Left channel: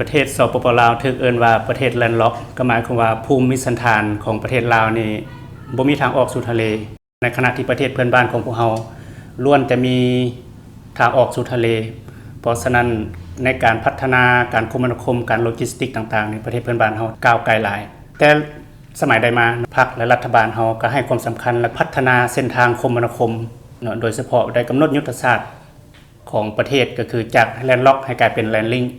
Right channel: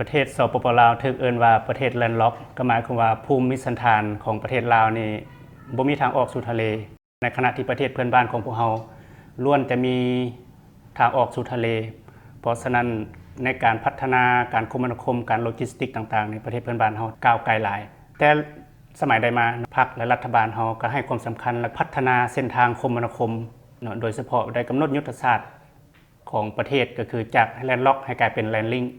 ประเทศสปป.ลาวถูกเอิ้นว่าประเทศแลนด์ล็อกก็หมายความว่าภูมิสันฐานของประเทศลาวนี่บ่มีทางออกสู่ทะเลในขณะที่ประเทศเพื่อนบ้านของพวกเราล้วนแต่มีทางออกสู่ทะเลเพราะฉะนั้นในการพัฒนาการคมนาคมการโลจิสติกต่างๆในประเทศเพื่อนบ้านเราก้าวไกลหลายแต่สมัยใดมาพรรคและรัฐบาลเราก็ให้ความสำคัญและพัฒนาเส้นทางคมนาคมโดยเฉพาะได้กำหนดยุทธศาสตร์ของประเทศก็คือจากแลนด์ล็อกให้กลายเป็นแลนด์ลิงก์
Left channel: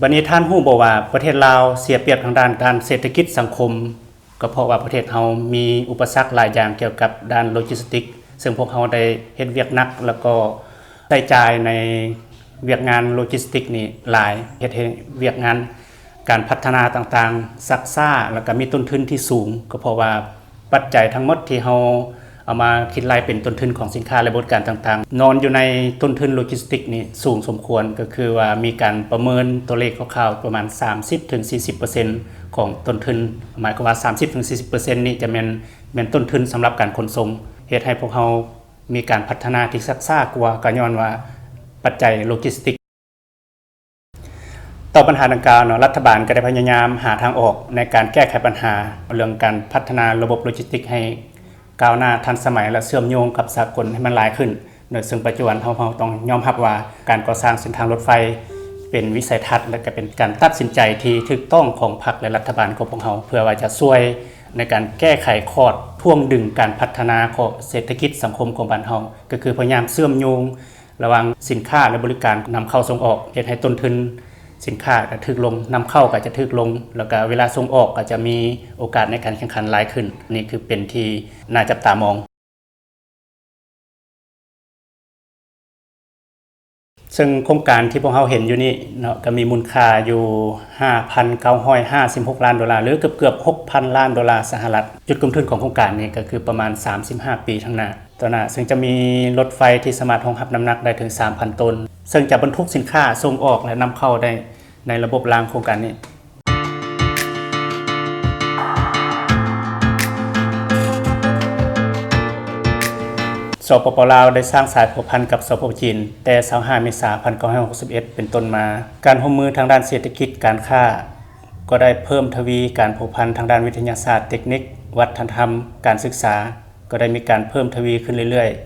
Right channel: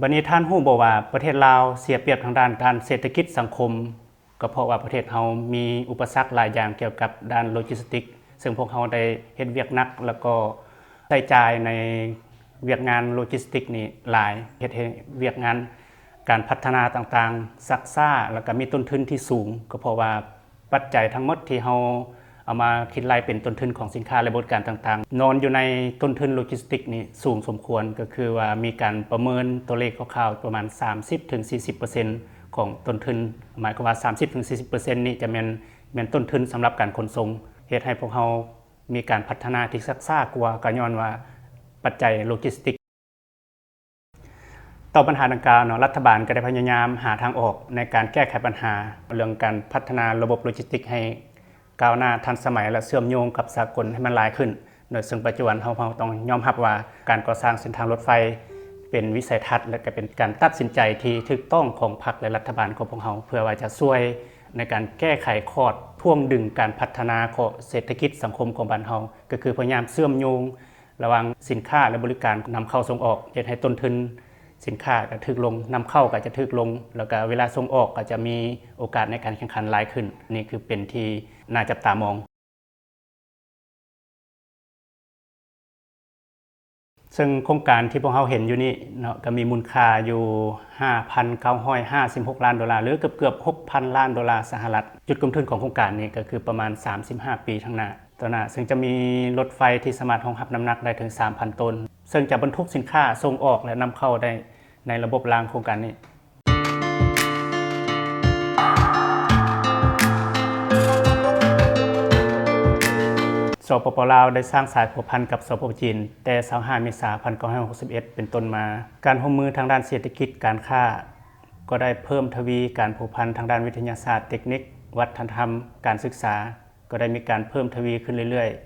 บัดนี้ท่านฮู้บ่ว่าประเทศลาวเสียเปรียบทางด้านการเศรษฐกิจสังคมก็เพราะว่าประเทศเฮามีอุปสรรคหลายอย่างเกี่ยวกับด้านโลจิสติกซึ่งพวกเฮาได้เฮ็ดเวียกหนักแล้วก็ใช้จ่ายในเวียกงานโลจิสติกนี่หลายเฮ็ดให้เวียกงานการพัฒนาต่างๆซักซ่าแล้วก็มีต้นทุนที่สูงก็เพราะว่าปัจจัยทั้งหมดที่เฮาเอามาคิดรายเป็นต้นทุนของสินค้าและบริการต่างๆนอนอยู่ในต้นทุนโลจิสติกนี่สูงสมควรก็คือว่ามีการประเมินตัวเลขคร่าวๆประมาณ 30-40% ของต้นทุนหมายความว่า 30-40% นี่จะแม่นต้นทุนสำหรับการขนส่งเฮ็ดให้พวกเรามีการพัฒนาที่ซักซ่ากว่าก็ย้อนว่าปัจจัยโลจิสติกต่อปัญหาดังกล่าวรัฐบาลก็ได้พยายามหาทางออกในการแก้ไขปัญหาเรื่องการพัฒนาระบบโลจิสติกให้ก้าวหน้าทันสมัยและเชื่อมโยงกับสากลให้มันหลายขึ้นโดยซึ่งปัจจุบันเราต้องยอมรับว่าการก่อสร้างเส้นทางรถไฟเป็นวิสัยทัศน์และก็เป็นการตัดสินใจที่ถูกต้องของพรรคและรัฐบาลของพวกเราเพื่อว่าจะช่วยในการแก้ไขคอร์ดพ่วงดึงการพัฒนาของเศรษฐกิจสังคมของบ้านเราก็คือพยายามเชื่อมโยงระหว่างสินค้าและบริการนำเข้าส่งออกเฮ็ดให้ต้นทุนสินค้าก็ถูกลงนำเข้าก็จะถูกลงแล้วก็เวลาส่งออกก็จะมีโอกาสในการแข่งขันหลายขึ้นนี่คือเป็นที่น่าจับตามองซึ่งโครงการที่พวกเราเห็นอยู่นี่เนาะก็มีมูลค่าอยู่ 5,956 ล้านดอลลาร์หรือเกือบ 6,000 ล้านดอลลาร์สหรัฐจุดกำทุนของโครงการนี้ก็คือประมาณ35ปีข้างหน้าต่อหน้าซึ่งจะมีรถไฟที่สามารถรองรับน้ำหนักได้ถึง 3,000 ตนซึ่งจะบรรทุกสินค้าส่งออกและนำเข้าได้ในระบบรางโครงการนี้สปป.ลาวได้สร้างสายผูกพันกับสปป.จีนแต่25 เมษายน 1961 เป็นต้นมาการร่วมมือทางด้านเศรษฐกิจการค้าก็ได้เพิ่มทวีการผูกพันทางด้านวิทยาศาสตร์เทคนิควัฒนธรรมการศึกษาก็ได้มีการเพิ่มทวีขึ้นเรื่อยๆ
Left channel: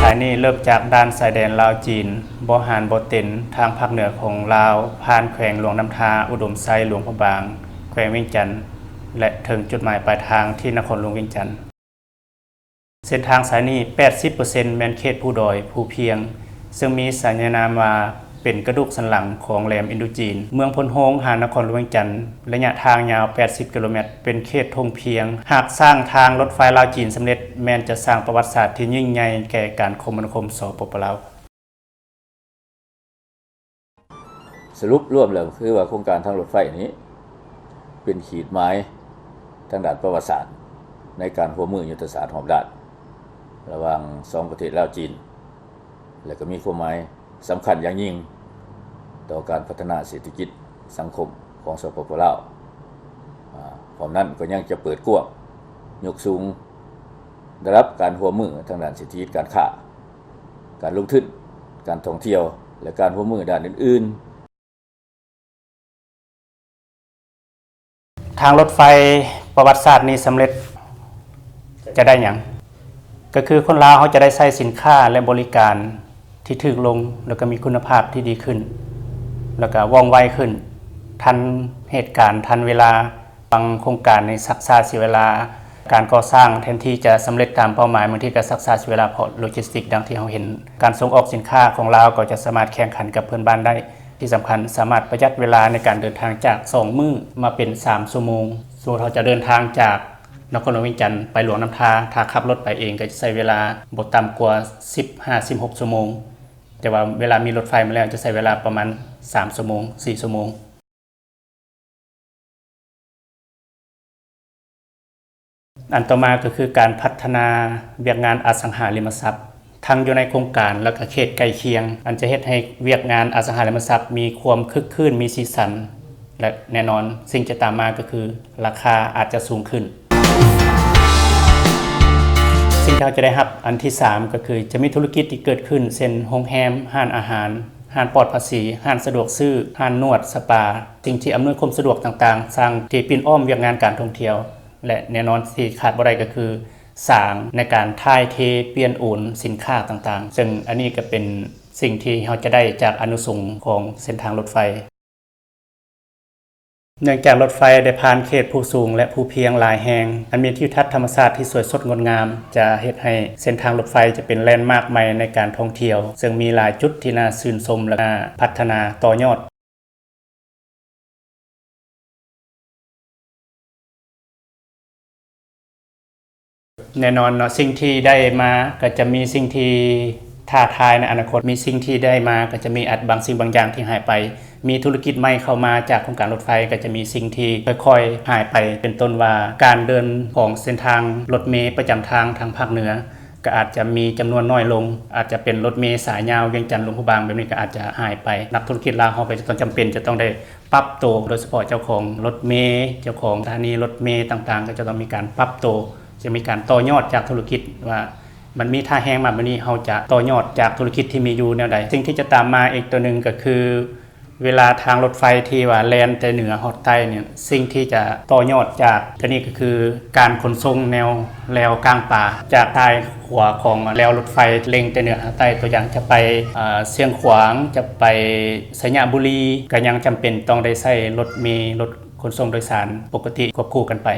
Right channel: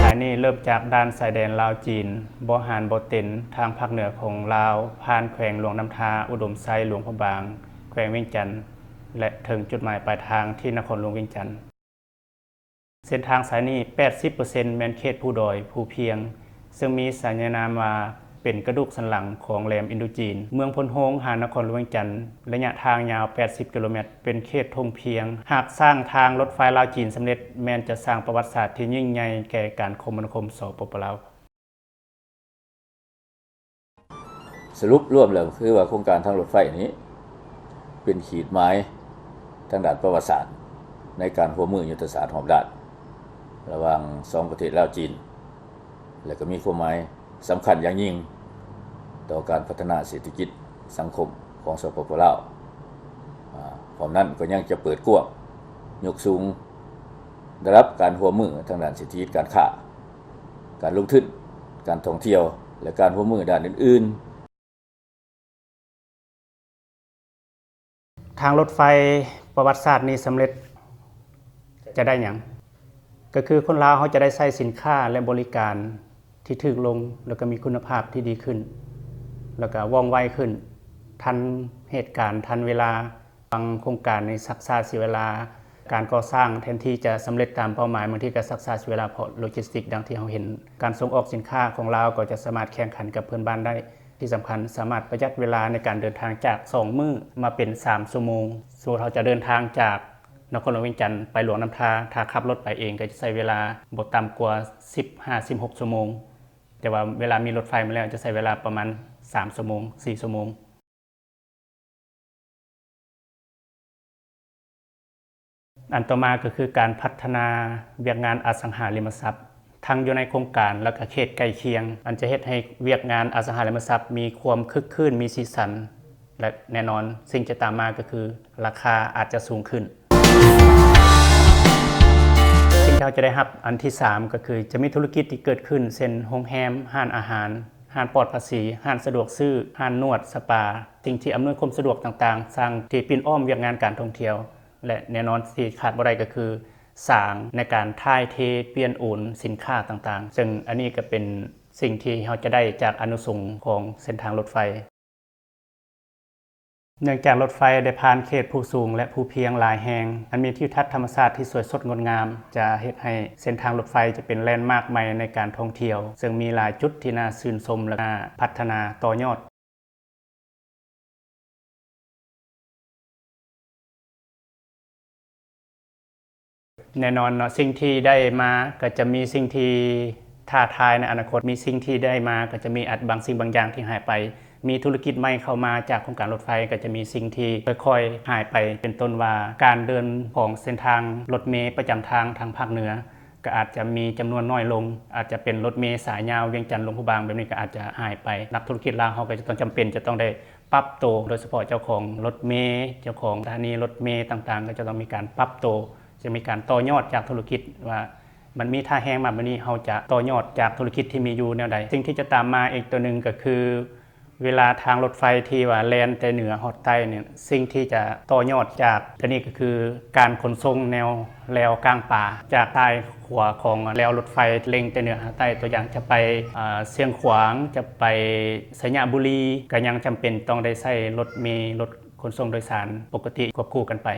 สายนี้เริ่มจากด้านสายแดนลาวจีนบ่หานบ่เต็นทางภาคเหนือของลาวผ่านแขวงหลวงน้ำทาอุดมไซหลวงพระบางแขวงเวียงจันทน์และถึงจุดหมายปลายทางที่นครหลวงเวียงจันทน์เส้นทางสายนี้ 80% แม่นเขตภูดอยภูเพียงซึ่งมีสัญญานามว่าเป็นกระดูกสันหลังของแหลมอินโดจีนเมืองพลโฮงหานครหลวงเวียงจันทน์ระยะทางยาว80กิโลเมตรเป็นเขตทงเพียงหากสร้างทางรถไฟลาวจีนสำเร็จแม้นจะสร้างประวัติศาสตร์ที่ยิ่งใหญ่แก่การคมนาคมสปป.ลาวสรุปรวมแล้วคือว่าโครงการทางรถไฟนี้เป็นขีดหมายทางด้านประวัติศาสตร์ในการร่วมมือยุทธศาสตร์หอบด้านระหว่าง2ประเทศลาวจีนและก็มีความหมายสำคัญอย่างยิ่งต่อการพัฒนาเศรษฐกิจสังคมของสปป.ลาวพร้อมนั้นก็ยังจะเปิดกว้างยกสูงระดับการร่วมมือทางด้านเศรษฐกิจการค้าการลงทุนการท่องเที่ยวและการร่วมมือด้านอื่นๆทางรถไฟประวัติศาสตร์นี้สำเร็จจะได้หยังก็คือคนลาวเขาจะได้ใช้สินค้าและบริการที่ถูกลงแล้วก็มีคุณภาพที่ดีขึ้นแล้วก็ว่องไวขึ้นทันเหตุการณ์ทันเวลาบางโครงการในซักษาเสียเวลา การก่อสร้างแทนที่จะสำเร็จตามเป้าหมายบางทีก็ซักษาเวลาเพราะโลจิสติกดังที่เราเห็นการส่งออกสินค้าของลาวก็จะสามารถแข่งขันกับเพื่อนบ้านได้ที่สำคัญสามารถประหยัดเวลาในการเดินทางจาก2มื้อมาเป็น3ชั่วโมงสมมุติเราจะเดินทางจากนครหลวงเวียงจันทร์ไปหลวงน้ำทาถ้าขับรถไปเองก็จะใช้เวลาบ่ต่ำกว่า15-16ชั่วโมงแต่ว่าเวลามีรถไฟมาแล้วจะใช้เวลาประมาณ3ชั่วโมง4ชั่วโมงอันต่อมาก็คือการพัฒนาเวียกงานอสังหาริมทรัพย์ทั้งอยู่ในโครงการแล้วก็เขตใกล้เคียงอันจะเฮ็ดให้เวียกงานอสังหาริมทรัพย์มีความคึกคืนมีสีสันและแน่นอนสิ่งจะตามมาก็คือราคาอาจจะสูงขึ้นสิ่งที่เราจะได้รับอันที่3ก็คือจะมีธุรกิจที่เกิดขึ้นเช่นโรงแรมร้านอาหารร้านปลอดภาษีร้านสะดวกซื้อร้านนวดสปาสิ่งที่อำนวยความสะดวกต่างๆสร้างที่ปิ่นอ้อมเวียกงานการท่องเที่ยวและแน่นอนที่ขาดบ่ได้ก็คือสร้างในการถ่ายเทเปลี่ยนโอนสินค้าต่างๆซึ่งอันนี้ก็เป็นสิ่งที่เราจะได้จากอานุสงส์ของเส้นทางรถไฟเนื่องจากรถไฟได้ผ่านเขตภูสูงและภูเพียงหลายแห่งอันมีทิวทัศน์ธรรมชาติที่สวยสดงดงามจะเฮ็ดให้เส้นทางรถไฟจะเป็นแลนด์มาร์คใหม่ในการท่องเที่ยวซึ่งมีหลายจุดที่น่าชื่นชมและน่าพัฒนาต่อยอดแน่นอนเนาะสิ่งที่ได้มาก็จะมีสิ่งที่ท้าทายในอนาคตมีสิ่งที่ได้มาก็จะมีบางสิ่งบางอย่างที่หายไปมีธุรกิจใหม่เข้ามาจากโครงการรถไฟก็จะมีสิ่งที่ค่อยๆหายไปเป็นต้นว่าการเดินของเส้นทางรถเมล์ประจำทางทางภาคเหนือก็อาจจะมีจำนวนน้อยลงอาจจะเป็นรถเมล์สายยาวเวียงจันทร์หลวงพระบางแบบนี้ก็อาจจะหายไปนักธุรกิจลาวเฮาก็จะต้องจำเป็นจะต้องได้ปรับตัวโดยเฉพาะเจ้าของรถเมล์เจ้าของสถานีรถเมล์ต่างๆก็จะต้องมีการปรับตัวจะมีการต่อยอดจากธุรกิจว่ามันมีท่าแห้งมาแบบนี้เราจะต่อยอดจากธุรกิจที่มีอยู่แนวใดสิ่งที่จะตามมาอีกตัวหนึ่งก็คือเวลาทางรถไฟที่ว่าแล่นแต่เหนือฮอดใต้เนี่ยสิ่งที่จะต่อยอดจากตัวนี้ก็คือการขนส่งแนวแนวกลางป่าจากใต้ขวาของแนวรถไฟเล็งแต่เหนือฮอดใต้ตัวอย่างจะไปเชียงขวางจะไปสัญญาบุรีก็ยังจำเป็นต้องได้ใช้รถเมล์รถขนส่งโดยสารปกติควบคู่กันไป